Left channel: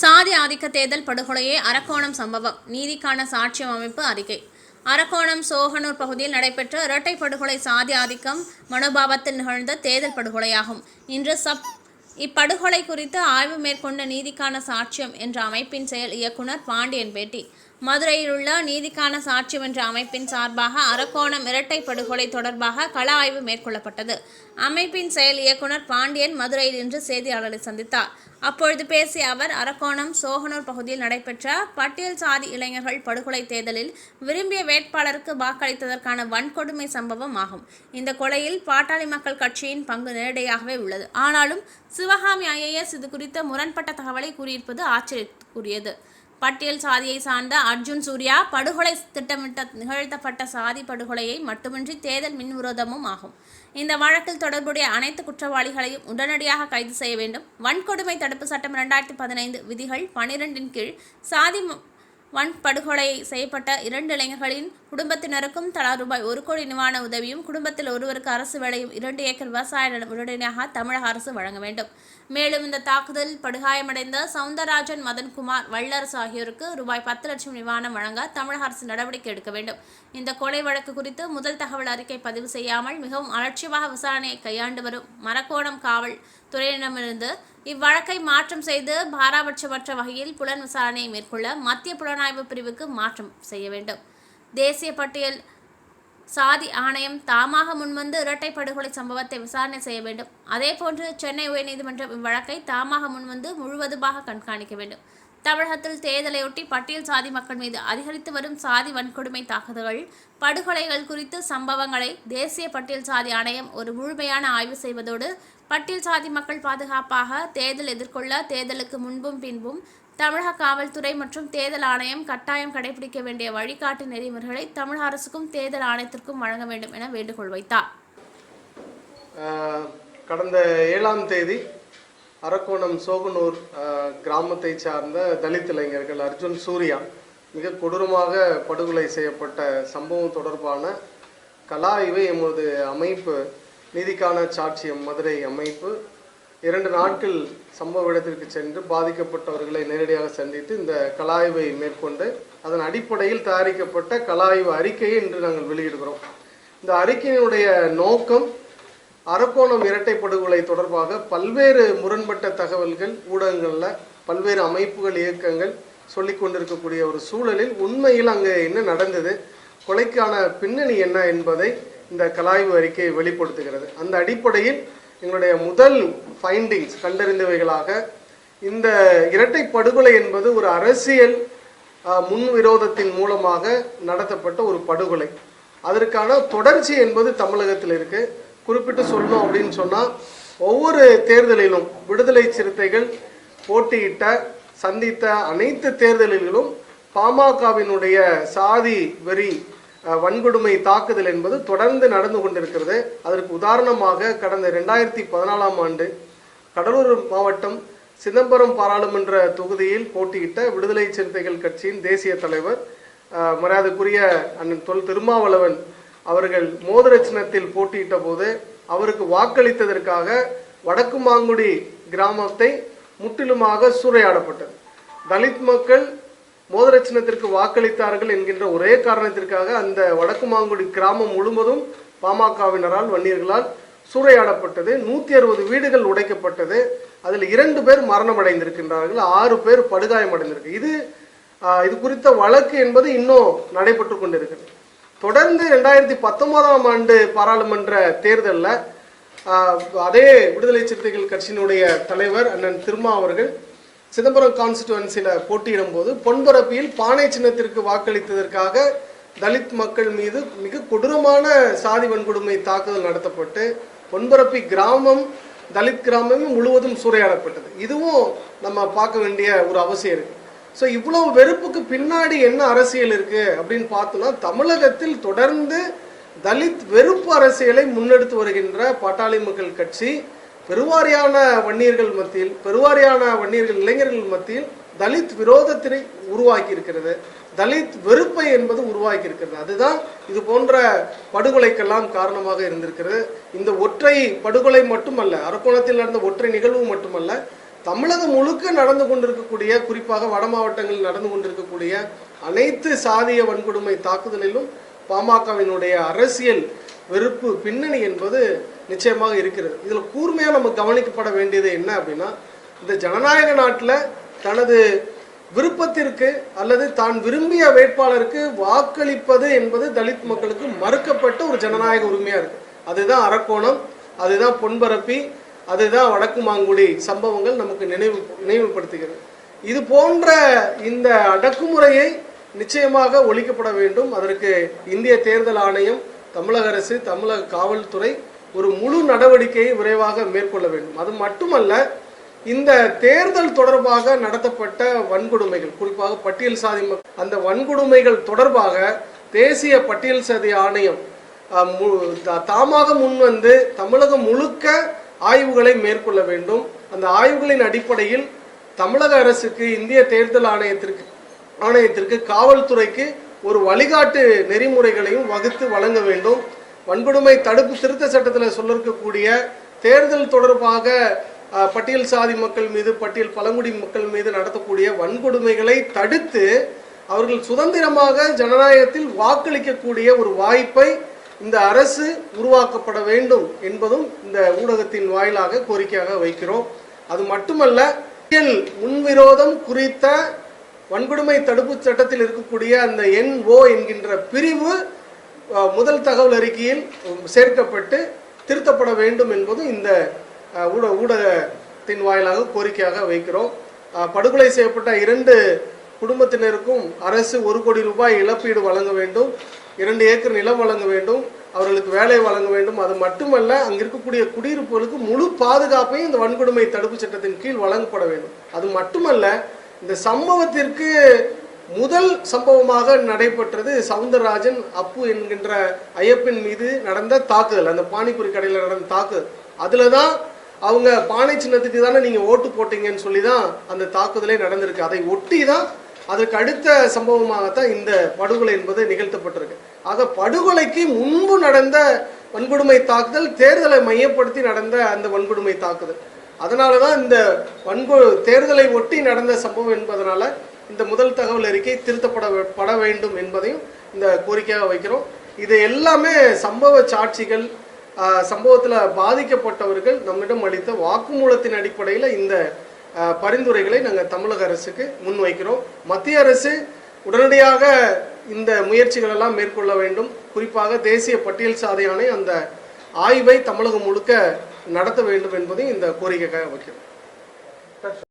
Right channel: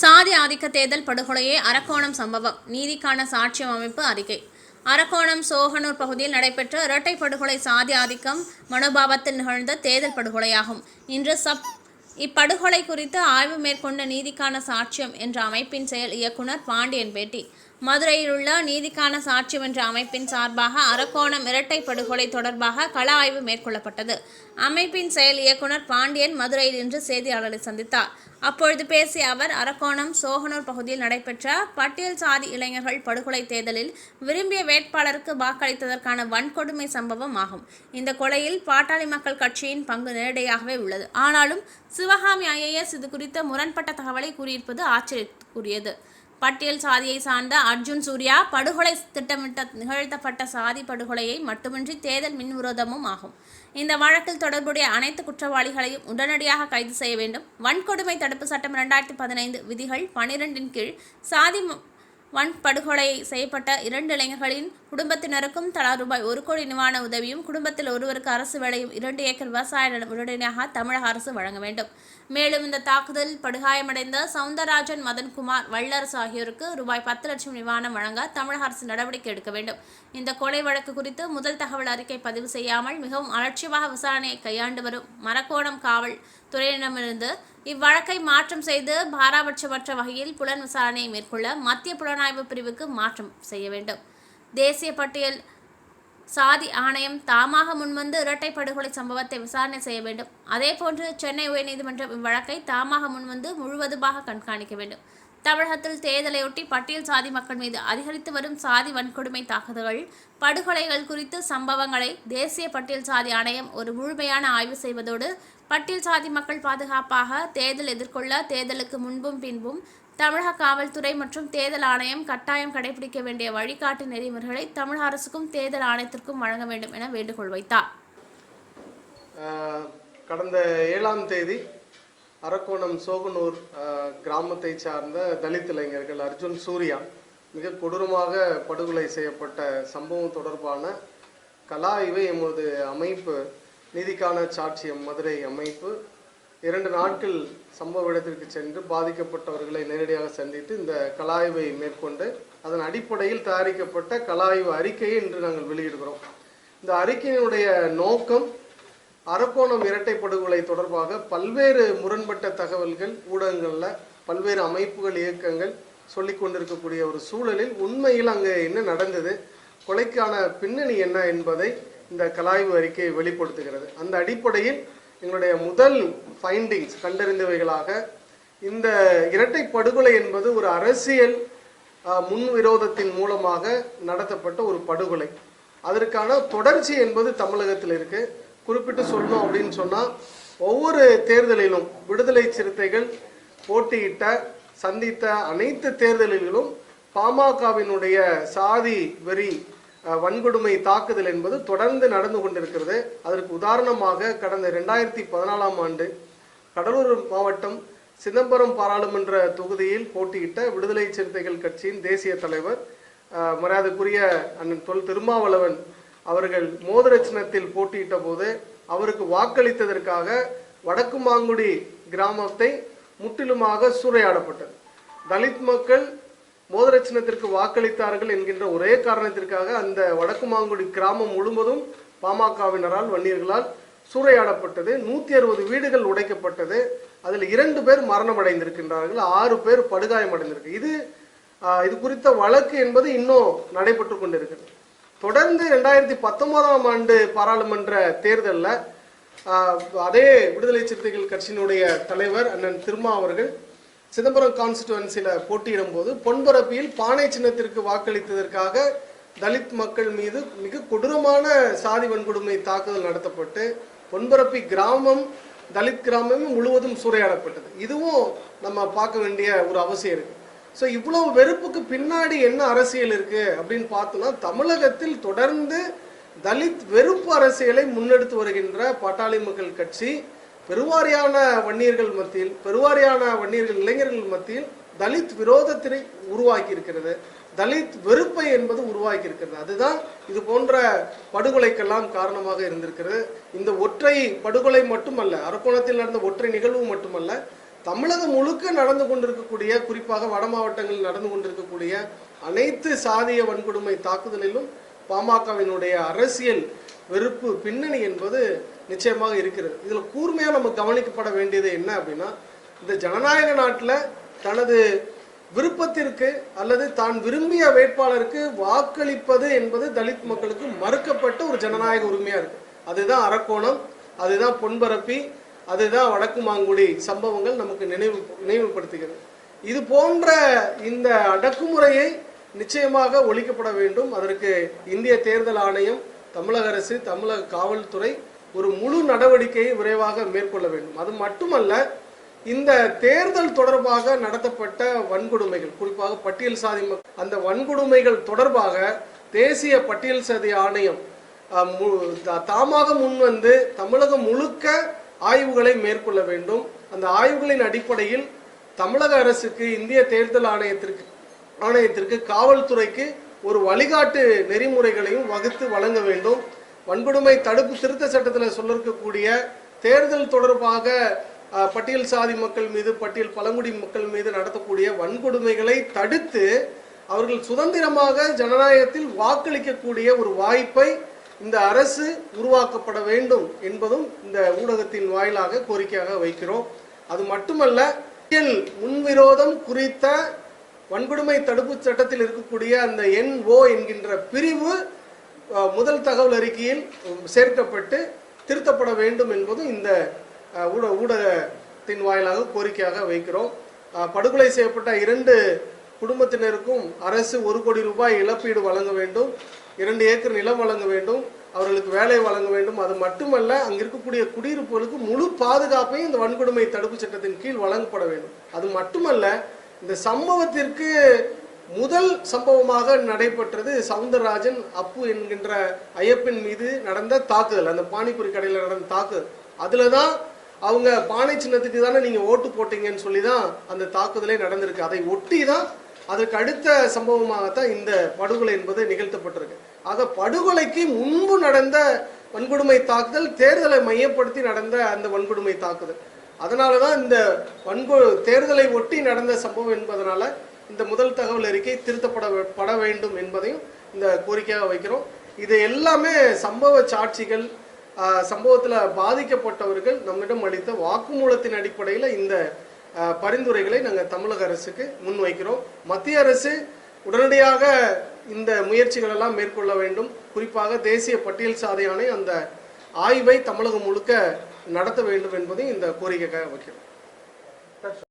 சாதி ஆதிக்க தேர்தல் படுகொலையே அரக்கோணம் சம்பவம். நீதிக்கான சாட்சியம் அமைப்பு அறிக்கை. அரக்கோணம் சோகனூர் பகுதியில் நடைபெற்ற இரட்டை படுகொலை சாதி ஆதிக்கம் மனோபாவத்தில் நிகழ்ந்த தேர்தல் படுகொலையாகும். இன்று சப் இப்படுகொலை குறித்து ஆய்வு மேற்கொண்ட நீதிக்கான சாட்சியம் என்ற அமைப்பின் செயல் இயக்குனர் பாண்டியன் பேட்டி மதுரையில் உள்ள நீதிக்கான சாட்சியம் என்ற அமைப்பின் சார்பாக அரக்கோணம் இரட்டை படுகொலை தொடர்பாக கள ஆய்வு மேற்கொள்ளப்பட்டது. அமைப்பின் செயல் இயக்குனர் பாண்டியன் மதுரையில் இன்று செய்தியாளரை சந்தித்தார். அப்பொழுது பேசிய அவர் அரக்கோணம் சோகனூர் பகுதியில் நடைபெற்ற பட்டியல் சாதி இளைஞர்கள் படுகொலை தேர்தலில் விரும்பிய வேட்பாளருக்கு வாக்களித்ததற்கான வன்கொடுமை சம்பவம் ஆகும். இந்த கொலையில் பாட்டாளி மக்கள் கட்சியின் பங்கு நேரடியாகவே உள்ளது. ஆனாலும் சிவகாமி ஐஏஎஸ் இது குறித்த முரண்பட்ட தகவலை கூறியிருப்பது ஆச்சரியத்துக்குரியது. பட்டியல் சாதியை சார்ந்த அர்ஜுன் சூர்யா படுகொலை திட்டமிட்ட நிகழ்த்தப்பட்ட சாதி படுகொலையை மட்டுமின்றி தேர்தல் மின்விரோதமும் ஆகும். இந்த வழக்கில் தொடர்புடைய அனைத்து குற்றவாளிகளையும் உடனடியாக கைது செய்ய வேண்டும். வன்கொடுமை தடுப்பு சட்டம் இரண்டாயிரத்தி பதினைந்து விதிகள் பனிரெண்டின் கீழ் சாதி வன் படுகொலை செய்யப்பட்ட இரண்டு இளைஞர்களின் குடும்பத்தினருக்கும் தலா ரூபாய் ஒரு கோடி நிவாரண உதவியும் குடும்பத்தில் ஒருவருக்கு அரசு வேலையும் இரண்டு ஏக்கர் விவசாய நிலம் உடனடியாக தமிழக அரசு வழங்க வேண்டும். மேலும் இந்த தாக்குதல் படுகாயமடைந்த சவுந்தரராஜன் மதன்குமார் வல்லரசு ஆகியோருக்கு ரூபாய் பத்து லட்சம் நிவாரணம் வழங்க தமிழக அரசு நடவடிக்கை எடுக்க வேண்டும். இந்த கொலை வழக்கு குறித்து முதல் தகவல் அறிக்கை பதிவு செய்யாமல் மிகவும் அலட்சியமாக விசாரணையை கையாண்டு வரும் மரக்கோணம் காவல் துறையிடமிருந்து இவ்வழக்கை மாற்றம் செய்து பாராபட்சமற்ற வகையில் புலன் விசாரணையை மேற்கொள்ள மத்திய புலனாய்வு பிரிவுக்கு மாற்றம் செய்ய வேண்டும். தேசிய பட்டியல் சாதி ஆணையம் தாமாக முன்வந்து இரட்டை படுகொலை சம்பவத்தை விசாரணை செய்ய வேண்டும். அதேபோன்று சென்னை உயர்நீதிமன்றம் இவ்வழக்கை தாமாக முன்வந்து முழுவதுமாக கண்காணிக்க வேண்டும். தமிழகத்தில் தேர்தலையொட்டி பட்டியல் சாதி மக்கள் மீது அதிகரித்து வரும் சாதி வன்கொடுமை தாக்குதல்கள் படுகொலைகள் குறித்து சம்பவங்களை தேசிய பட்டியல் சாதி ஆணையம் ஒரு முழுமையான ஆய்வு செய்வதோடு பட்டியல் சாதி மக்கள் பாதுகாப்பாக தேர்தல் எதிர்கொள்ள தேர்தலுக்கு முன்பும் பின்பும் தமிழக காவல்துறை மற்றும் தேர்தல் ஆணையம் கட்டாயம் கடைபிடிக்க வேண்டிய வழிகாட்டு நெறிமுறைகளை தமிழக அரசுக்கும் தேர்தல் ஆணையத்திற்கும் வழங்க வேண்டும் என வேண்டுகோள் வைத்தார். கடந்த ஏழாம் தேதி அரக்கோணம் சோகனூர் கிராமத்தை சார்ந்த தலித் இளைஞர்கள் அர்ஜுன் சூர்யா மிக கொடூரமாக படுகொலை செய்யப்பட்ட சம்பவம் தொடர்பான கலாய்வை எமது அமைப்பு நீதிக்கான சாட்சியம் மதுரை அமைப்பு. இரண்டு நாட்கள் சம்பவ இடத்திற்கு சென்று பாதிக்கப்பட்டவர்களை நேரடியாக சந்தித்து இந்த கலாய்வை மேற்கொண்டு அதன் அடிப்படையில் தயாரிக்கப்பட்ட கலாய்வு அறிக்கையை இன்று நாங்கள் வெளியிடுகிறோம். இந்த அறிக்கையினுடைய நோக்கம் அரக்கோணம் இரட்டை படுகொலை தொடர்பாக பல்வேறு முரண்பட்ட தகவல்கள் ஊடகங்களில் பல்வேறு அமைப்புகள் இயக்கங்கள் சொல்லி கொண்டிருக்கக்கூடிய ஒரு சூழலில் உண்மையில் அங்கே என்ன நடந்தது கொலைக்கான பின்னணி என்ன என்பதை இந்த கலாய்வு அறிக்கை வெளிப்படுத்துகிறது. அந்த அடிப்படையில் எங்களுடைய முதல் ஃபைண்டிங்ஸ் கண்டறிந்தவைகளாக இந்த இரட்டை படுகொலை என்பது ஒரு அரசியல் முன்விரோதத்தின் மூலமாக நடத்தப்பட்ட ஒரு படுகொலை. அதற்கான தொடர்ச்சி என்பது தமிழகத்தில் இருக்குது குறிப்பிட்டு சொல்லணும் அப்படின்னு சொன்னால் ஒவ்வொரு தேர்தலிலும் விடுதலை சிறுத்தைகள் போட்டியிட்ட சந்தித்த அனைத்து தேர்தல்களிலும் பாமகவினுடைய சாதி வெறி வன்கொடுமை தாக்குதல் என்பது தொடர்ந்து நடந்து கொண்டிருக்கிறது. அதற்கு உதாரணமாக கடந்த ரெண்டாயிரத்தி பதினாலாம் ஆண்டு கடலூர் மாவட்டம் சிதம்பரம் பாராளுமன்ற தொகுதியில் போட்டியிட்ட விடுதலை சிறுத்தைகள் கட்சியின் தேசிய தலைவர் மரியாதைக்குரிய அண்ணன் தொல் திருமாவளவன் அவர்கள் மோதிர சின்னத்தில் போட்டியிட்ட போது அவருக்கு வாக்களித்ததற்காக வடக்கு மாங்குடி கிராமத்தை முற்றிலுமாக சூறையாடப்பட்டது. தலித் மக்கள் மோதிர சின்னத்திற்கு வாக்களித்தார்கள் என்கின்ற ஒரே காரணத்திற்காக அந்த வடக்கு மாங்குடி கிராமம் முழுவதும் பாமகவினரால் வன்னியர்களால் சூறையாடப்பட்டது. நூத்தி அறுபது வீடுகள் உடைக்கப்பட்டது. அதில் இரண்டு பேர் மரணமடைந்திருக்கின்றார்கள். ஆறு பேர் படுகாயம் அடைந்திருக்கு இது இது குறித்த வழக்கு என்பது இன்னும் நடைபெற்று கொண்டிருக்கிறது. தொடர்ந்து ரெண்டாயிரத்தி பத்தொன்பதாம் ஆண்டு பாராளுமன்ற தேர்தலில் அதே விடுதலை சிறுத்தைகள் கட்சியினுடைய தலைவர் அண்ணன் திருமா அவர்கள் சிதம்பரம் கான்ஸ்டிடுவன்சியில் போட்டியிடும் போது பொன்பரப்பியில் பானை சின்னத்திற்கு வாக்களித்ததற்காக தலித் மக்கள் மீது மிக கொடூரமான சாதி வன்கொடுமை தாக்குதல் நடத்தப்பட்டு பொன்பரப்பி கிராமம் தலித் கிராமம் முழுவதும் சூறையாடப்பட்டது. இதுவும் நம்ம பார்க்க வேண்டிய ஒரு அவசியம் இருக்குது ஸோ இவ்வளவு வெறுப்புக்கு பின்னாடி என்ன அரசியல் இருக்கு அப்படின்னு பார்த்தோம்னா தமிழகத்தில் தொடர்ந்து தலித் வெறுப்பு அரசியலை முன்னெடுத்து வருகின்ற பாட்டாளி மக்கள் கட்சி பெருவாரியான வன்னியர்கள் மத்தியில் பெருவாரியான வன்னியர்கள் இளைஞர்கள் மத்தியில் தலித் விரோதத்தினை உருவாக்கி இருக்கிறது தலித் வெறுப்பை என்பது உருவாக்கி இருக்கிறது அதுதான் இது போன்ற படுகொலைக்கெல்லாம் காரணமாக இருந்திருக்கிறது. இந்த ஒற்றை படுகொலை மட்டுமல்ல அரக்கோணத்தில் நடந்த ஒற்றை நிகழ்வு மட்டுமல்ல தமிழகம் முழுக்க நடந்து கொண்டிருக்கக்கூடிய குறிப்பாக வட மாவட்டங்களில் நடந்து கொண்டிருக்கக்கூடிய அனைத்து சாதிய வன்கொடுமை தாக்குதலிலும் பாமகவினுடைய அரசியல் வெறுப்பு பின்னணி என்பது நிச்சயமாக இருக்கிறது. இதில் கூர்மையாக நம்ம கவனிக்கப்பட வேண்டியது என்ன அப்படின்னா இந்த ஜனநாயக நாட்டில் தனது விருப்பத்திற்கு அல்லது தான் விரும்பிய வேட்பாளருக்கு வாக்களிப்பது என்பது தலித் மக்களுக்கு மறுக்கப்பட்ட ஒரு ஜனநாயக உரிமையாக இருக்குது அதுதான் அரக்கோணம் அதுதான் பொன்பரப்பி அதுதான் வடக்கு மாங்குடி சம்பவங்கள் நமக்கு நினைவு நினைவுபடுத்துகிறது. இது போன்ற இந்த அடக்குமுறையை நிச்சயமாக ஒழிக்கப்பட வேண்டும். அதற்கு இந்திய தேர்தல் ஆணையம் தமிழக அரசு தமிழக காவல்துறை ஒரு முழு நடவடிக்கையை விரைவாக மேற்கொள்ள வேண்டும். அது மட்டுமல்ல இந்த தேர்தல் தொடர்பாக நடத்தப்பட்ட வன்கொடுமைகள் குறிப்பாக பட்டியல் சாதி அந்த வன்கொடுமைகள் தொடர்பாக தேசிய பட்டியல் சாதி ஆணையம் மு- தா- தாமாக முன்வந்து தமிழகம் முழுக்க ஆய்வுகளை மேற்கொள்ள வேண்டும். அந்த ஆய்வுகளின் அடிப்படையில் தமிழக அரசுக்கு இந்திய தேர்தல் ஆணையத்திற்கு ஆணையத்திற்கு காவல்துறைக்கு ஒரு வழிகாட்டு நெறிமுறைகளையும் வகுத்து வழங்க வேண்டும். வன்கொடுமை தடுப்பு திருத்த சட்டத்தில் சொல்லிருக்கக்கூடிய தேர்தல் தொடர்பாக பட்டியல் சாதி மக்கள் மீது பட்டியல் பழங்குடி மக்கள் மீது நடத்தக்கூடிய வன்கொடுமைகளை தடுத்து அவர்கள் சுதந்திரமாக ஜனநாயகத்தில் வாக்களிக்கக்கூடிய ஒரு வாய்ப்பை இந்த அரசு உருவாக்கப்பட வேண்டும் என்பதும் இந்த ஊடகத்தின் வாயிலாக கோரிக்கையாக வைக்கிறோம். அது மட்டுமல்ல முன்விரோதம் குறித்த வன்கொடுமை தடுப்பு சட்டத்தில் இருக்கக்கூடிய அந்த என்ஓ என்கின்ற பிரிவு முதல் தகவல் அறிக்கையில் சேர்க்கப்பட்டு திருத்தப்பட வேண்டும் என்பதும் இந்த ஊட ஊடகத்தின் வாயிலாக கோரிக்கையாக வைக்கிறோம். படுகொலை செய்யப்பட்ட இரண்டு குடும்பத்தினருக்கும் அரசு ஒரு கோடி ரூபாய் இழப்பீடு வழங்க வேண்டும். இரண்டு ஏக்கர் நிலம் வழங்க வேண்டும் அவர்களுக்கு வேலை வழங்க வேண்டும். அது மட்டுமல்ல அங்கே இருக்கக்கூடிய குடியிருப்புகளுக்கு முழு பாதுகாப்பையும் இந்த வன்கொடுமை தடுப்பு சட்டத்தின் கீழ் வழங்கப்பட வேண்டும். அது மட்டுமல்ல இந்த சம்பவத்திற்கு முதல் சம்பவமாக நடைபெற்றது சவுந்தரராஜன் அப்பு என்கின்ற ஐயப்பன் மீது நடந்த தாக்குதல் அந்த பானிபுரி கடையில் நடந்த தாக்குதல். அதில் தான் அவங்க பானை சின்னத்துக்கு தானே நீங்கள் ஓட்டு போட்டீங்கன்னு சொல்லி தான் அந்த தாக்குதலே நடந்திருக்கு. அதை ஒட்டி தான் அதற்கு அடுத்த சம்பவமாகத்தான் இந்த படுகொலை என்பது நிகழ்த்தப்பட்டிருக்கு. ஆக படுகொலைக்கு முன்பு நடந்த வன்கொடுமை தாக்குதல் தேர்தலை மையப்படுத்தி நடந்த அந்த வன்கொடுமை தாக்குதல். அதனால தான் இந்த வன்கொ தேர்தலை ஒட்டி நடந்த சம்பவம் என்பதனால இந்த முதல் தகவல் அறிக்கை திருத்தப்பட பட வேண்டும் என்பதையும் இந்த கோரிக்கையாக வைக்கிறோம். இது எல்லாமே சம்பவ சாட்சிகள் சம்பவத்தில் பாதிக்கப்பட்டவர்கள் நம்மிடம் அளித்த வாக்குமூலத்தின் அடிப்படையில் இந்த பரிந்துரைகளை நாங்கள் தமிழக அரசுக்கு முன்வைக்கிறோம். மத்திய அரசு உடனடியாக இந்த முயற்சிகள் எல்லாம் மேற்கொள்ள வேண்டும். குறிப்பாக தேசிய பட்டியல் சாதி அந்த ஆய்வை தமிழகம் முழுக்க நடத்த வேண்டும் என்பதையும் இந்த கோரிக்கைக்காக வைக்கிறோம்.